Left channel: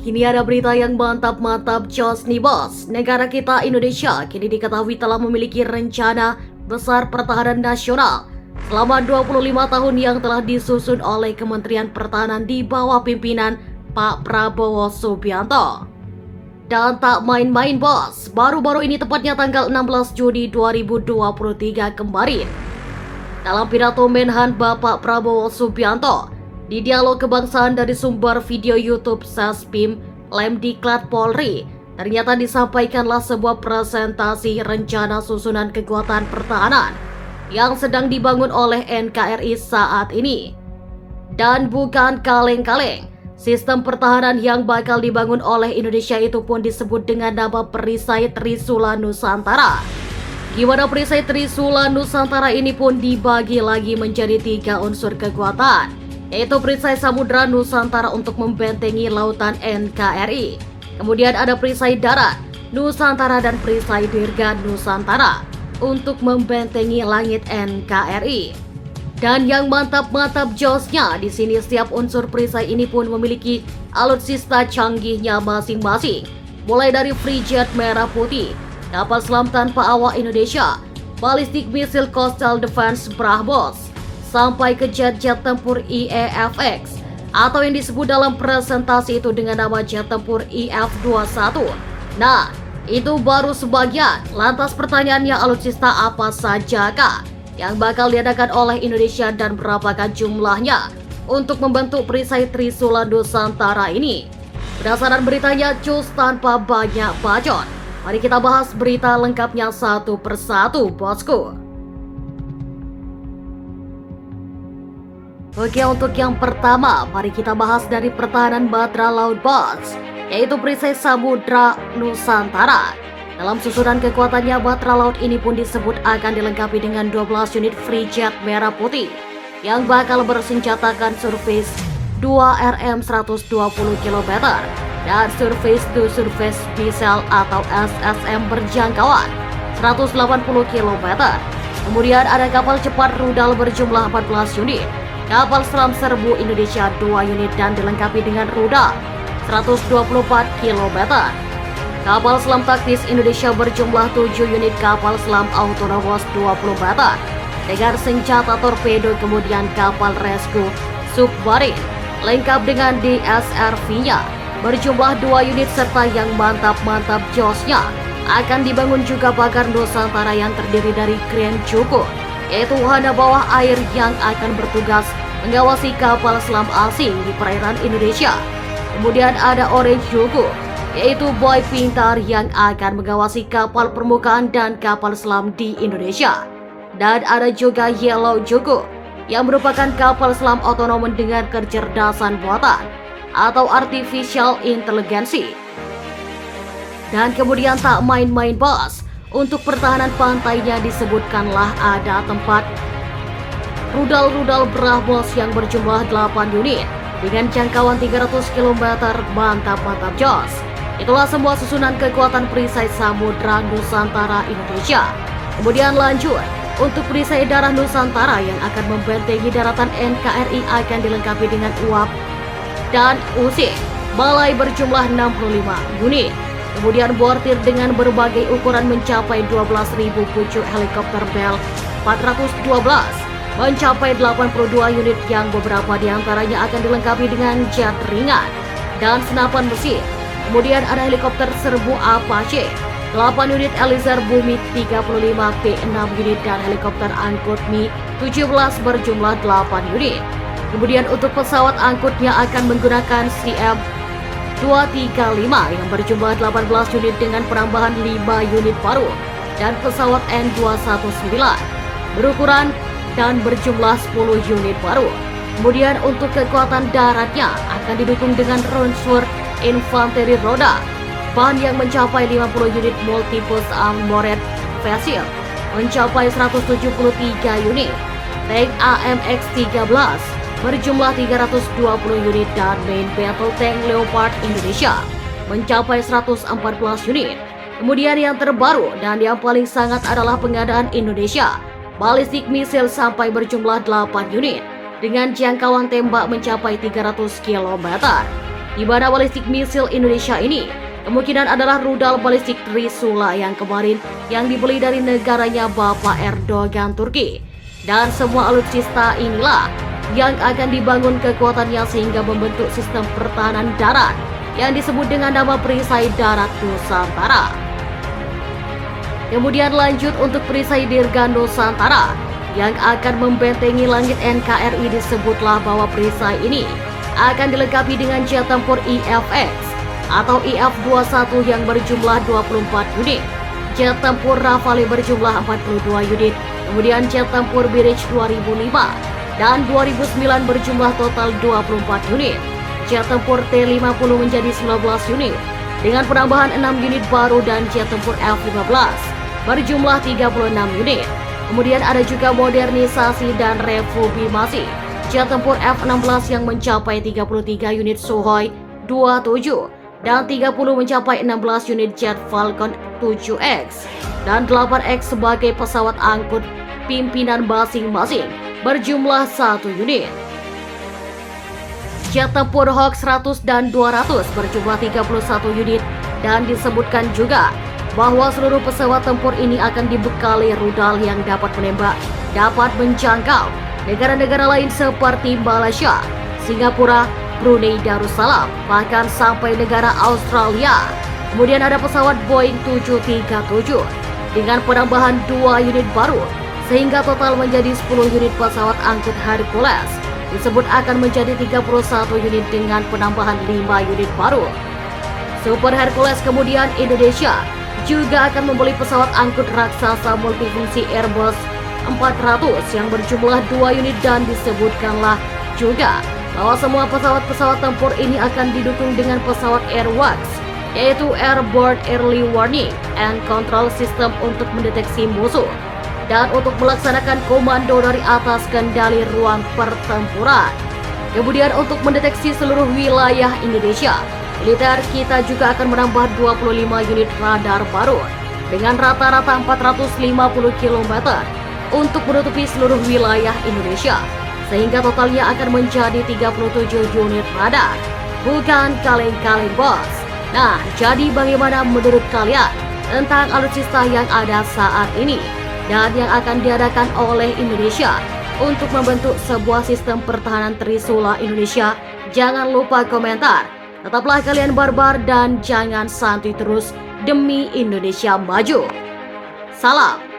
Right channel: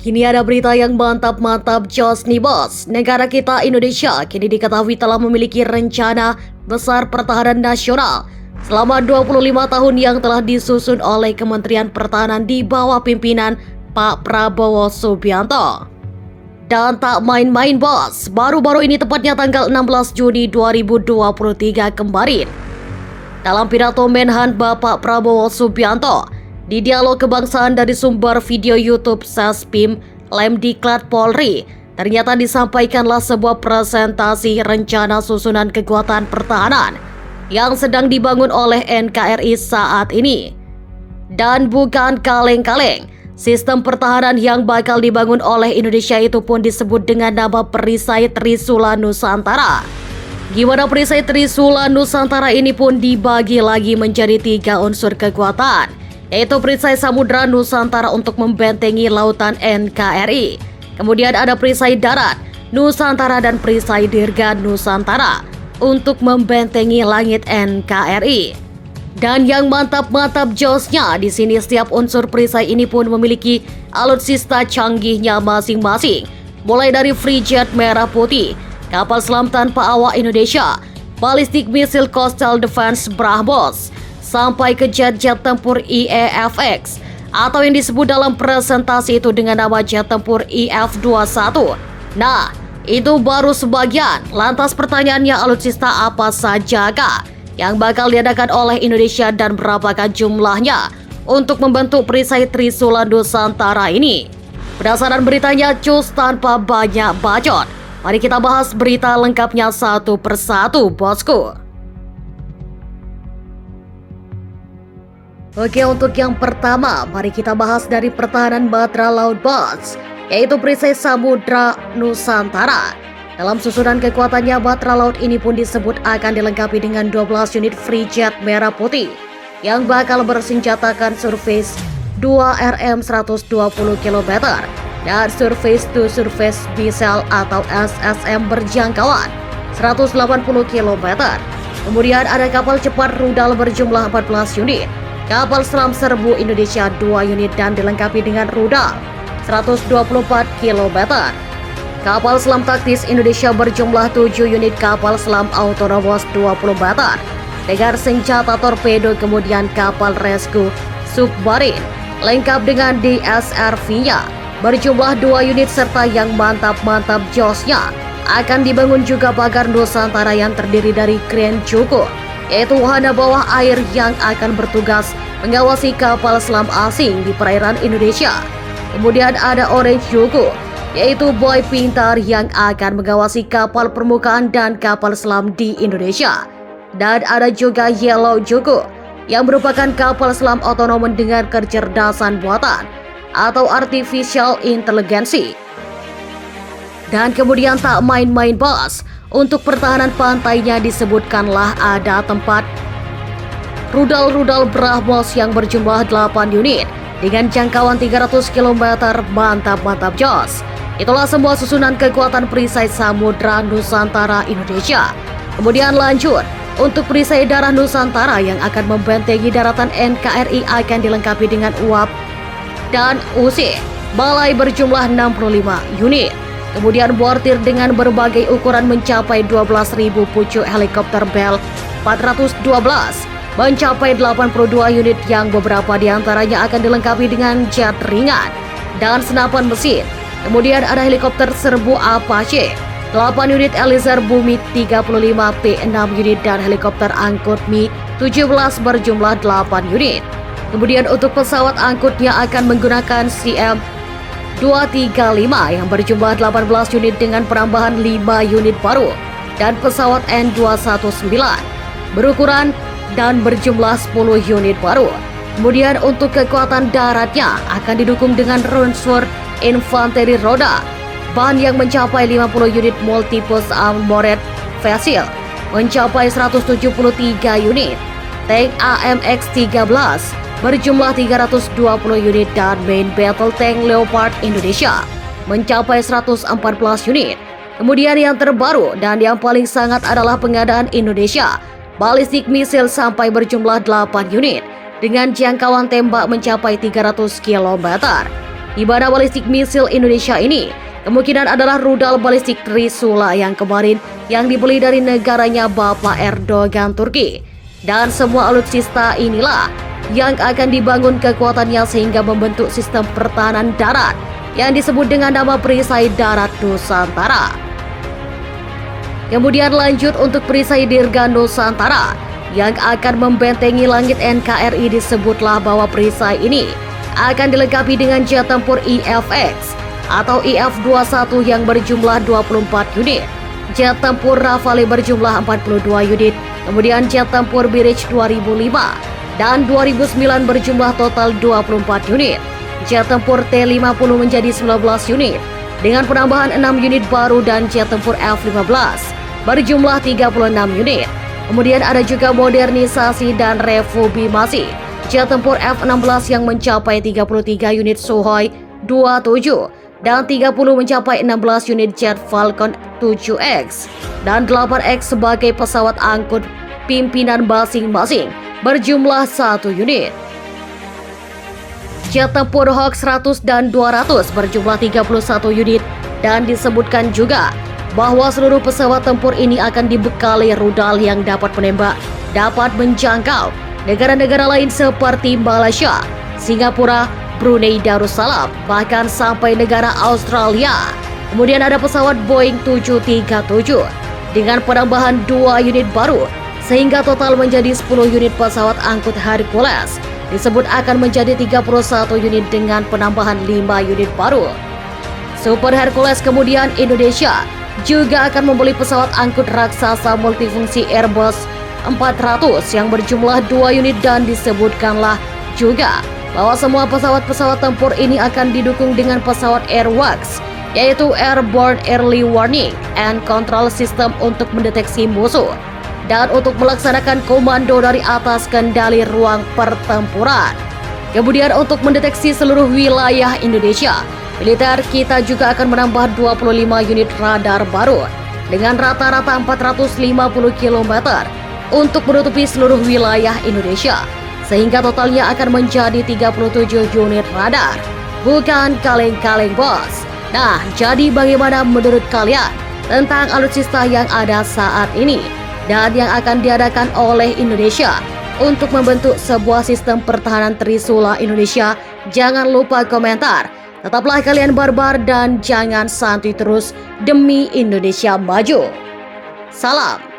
Kini ada berita yang mantap-mantap jos nih bos. Negara kita Indonesia kini diketahui telah memiliki rencana besar pertahanan nasional selama 25 tahun yang telah disusun oleh Kementerian Pertahanan di bawah pimpinan Pak Prabowo Subianto. Dan tak main-main bos, baru-baru ini tepatnya tanggal 16 Juni 2023 kemarin. Dalam pidato Menhan Bapak Prabowo Subianto, di dialog kebangsaan dari sumber video YouTube Sespim Lemdiklat Polri, ternyata disampaikanlah sebuah presentasi rencana susunan kekuatan pertahanan yang sedang dibangun oleh NKRI saat ini. Dan bukan kaleng-kaleng, sistem pertahanan yang bakal dibangun oleh Indonesia itu pun disebut dengan nama Perisai Trisula Nusantara. Gimana Perisai Trisula Nusantara ini pun dibagi lagi menjadi 3 unsur kekuatan, yaitu Perisai Samudra Nusantara untuk membentengi lautan NKRI. Kemudian ada Perisai Darat Nusantara dan Perisai Dirga Nusantara untuk membentengi langit NKRI. Dan yang mantap-mantap josnya, di sini setiap unsur perisai ini pun memiliki alutsista canggihnya masing-masing. Mulai dari frigate merah putih, kapal selam tanpa awak Indonesia, Ballistic Missile Coastal Defense BrahMos, sampai ke jet-jet tempur IEFX atau yang disebut dalam presentasi itu dengan nama jet tempur IF-21. Nah, itu baru sebagian. Lantas pertanyaannya, alutsista apa sajakah yang bakal diadakan oleh Indonesia dan berapakah jumlahnya untuk membentuk Perisai Trisula Nusantara ini? Berdasarkan beritanya cus tanpa banyak bacot, mari kita bahas berita lengkapnya satu persatu bosku. Oke, untuk yang pertama, mari kita bahas dari pertahanan Batra Laut bos, yaitu Perisai Samudra Nusantara. Dalam susunan kekuatannya, Batra Laut ini pun disebut akan dilengkapi dengan 12 unit frigate merah putih yang bakal bersenjatakan Surface 2 RM 120 km dan Surface to Surface Missile atau SSM berjangkauan 180 km. Kemudian ada kapal cepat rudal berjumlah 14 unit, kapal selam serbu Indonesia 2 unit dan dilengkapi dengan rudal 124 km. Kapal selam taktis Indonesia berjumlah 7 unit, kapal selam autonomous 20 meter dengan senjata torpedo, kemudian kapal rescue submarine lengkap dengan DSRV-nya berjumlah 2 unit, serta yang mantap-mantap josnya akan dibangun juga pagar Nusantara yang terdiri dari kren cukup, yaitu wahana bawah air yang akan bertugas mengawasi kapal selam asing di perairan Indonesia. Kemudian ada Orange Juku, yaitu boy pintar yang akan mengawasi kapal permukaan dan kapal selam di Indonesia. Dan ada juga Yellow Juku, yang merupakan kapal selam otonom dengan kecerdasan buatan atau artificial intelligence. Dan kemudian tak main-main bos, untuk pertahanan pantainya disebutkanlah ada tempat rudal-rudal BrahMos yang berjumlah 8 unit dengan jangkauan 300 km. Mantap-mantap jos. Itulah semua susunan kekuatan Perisai Samudra Nusantara Indonesia. Kemudian lanjut, untuk Perisai Darat Nusantara yang akan membentengi daratan NKRI akan dilengkapi dengan UAP dan UC balai berjumlah 65 unit. Kemudian bortir dengan berbagai ukuran mencapai 12.000 pucuk helikopter Bell 412 mencapai 82 unit yang beberapa diantaranya akan dilengkapi dengan jet ringan dan senapan mesin. Kemudian ada helikopter serbu Apache 8 unit, Eliezer Bumi 35 P6 unit dan helikopter angkut Mi-17 berjumlah 8 unit. Kemudian untuk pesawat angkutnya akan menggunakan CM-235 yang berjumlah 18 unit dengan penambahan 5 unit baru dan pesawat N219 berukuran dan berjumlah 10 unit baru. Kemudian untuk kekuatan daratnya akan didukung dengan Ronsur infanteri roda, ban yang mencapai 50 unit, multipurpose armored vessel mencapai 173 unit, tank AMX-13 berjumlah 320 unit dan main battle tank Leopard Indonesia mencapai 114 unit. Kemudian yang terbaru dan yang paling sangat adalah pengadaan Indonesia Ballistic Missile sampai berjumlah 8 unit dengan jangkauan tembak mencapai 300 km. di mana balistik misil Indonesia ini kemungkinan adalah rudal balistik Trisula yang kemarin yang dibeli dari negaranya Bapak Erdogan Turki. Dan semua alutsista inilah yang akan dibangun kekuatannya sehingga membentuk sistem pertahanan darat yang disebut dengan nama Perisai Darat Nusantara. Kemudian lanjut untuk Perisai Dirga Nusantara yang akan membentengi langit NKRI, disebutlah bahwa perisai ini akan dilengkapi dengan jet tempur IFX atau IF-21 yang berjumlah 24 unit, jet tempur Rafale berjumlah 42 unit, kemudian jet tempur Mirage 2005 dan 2009 berjumlah total 24 unit, jet tempur T-50 menjadi 19 unit dengan penambahan 6 unit baru dan jet tempur F-15 berjumlah 36 unit. Kemudian ada juga modernisasi dan reformasi jet tempur F-16 yang mencapai 33 unit Sukhoi 27 dan 30 mencapai 16 unit jet Falcon 7X dan 8X sebagai pesawat angkut pimpinan masing-masing berjumlah 1 unit. Jet tempur Hawk 100 dan 200 berjumlah 31 unit dan disebutkan juga bahwa seluruh pesawat tempur ini akan dibekali rudal yang dapat menembak, dapat menjangkau negara-negara lain seperti Malaysia, Singapura, Brunei Darussalam, bahkan sampai negara Australia. Kemudian ada pesawat Boeing 737 dengan penambahan 2 unit baru, sehingga total menjadi 10 unit pesawat angkut Hercules. Disebut akan menjadi 31 unit dengan penambahan 5 unit baru. Super Hercules kemudian Indonesia juga akan membeli pesawat angkut raksasa multifungsi Airbus 400 yang berjumlah 2 unit dan disebutkanlah juga bahwa semua pesawat-pesawat tempur ini akan didukung dengan pesawat AirWACS, yaitu Airborne Early Warning and Control System untuk mendeteksi musuh dan untuk melaksanakan komando dari atas kendali ruang pertempuran. Kemudian untuk mendeteksi seluruh wilayah Indonesia, militer kita juga akan menambah 25 unit radar baru dengan rata-rata 450 km untuk menutupi seluruh wilayah Indonesia, sehingga totalnya akan menjadi 37 unit radar. Bukan kaleng-kaleng, bos. Nah, jadi bagaimana menurut kalian tentang alutsista yang ada saat ini dan yang akan diadakan oleh Indonesia untuk membentuk sebuah sistem pertahanan Trisula Indonesia? Jangan lupa komentar. Tetaplah kalian barbar dan jangan santuy terus demi Indonesia maju. Salam.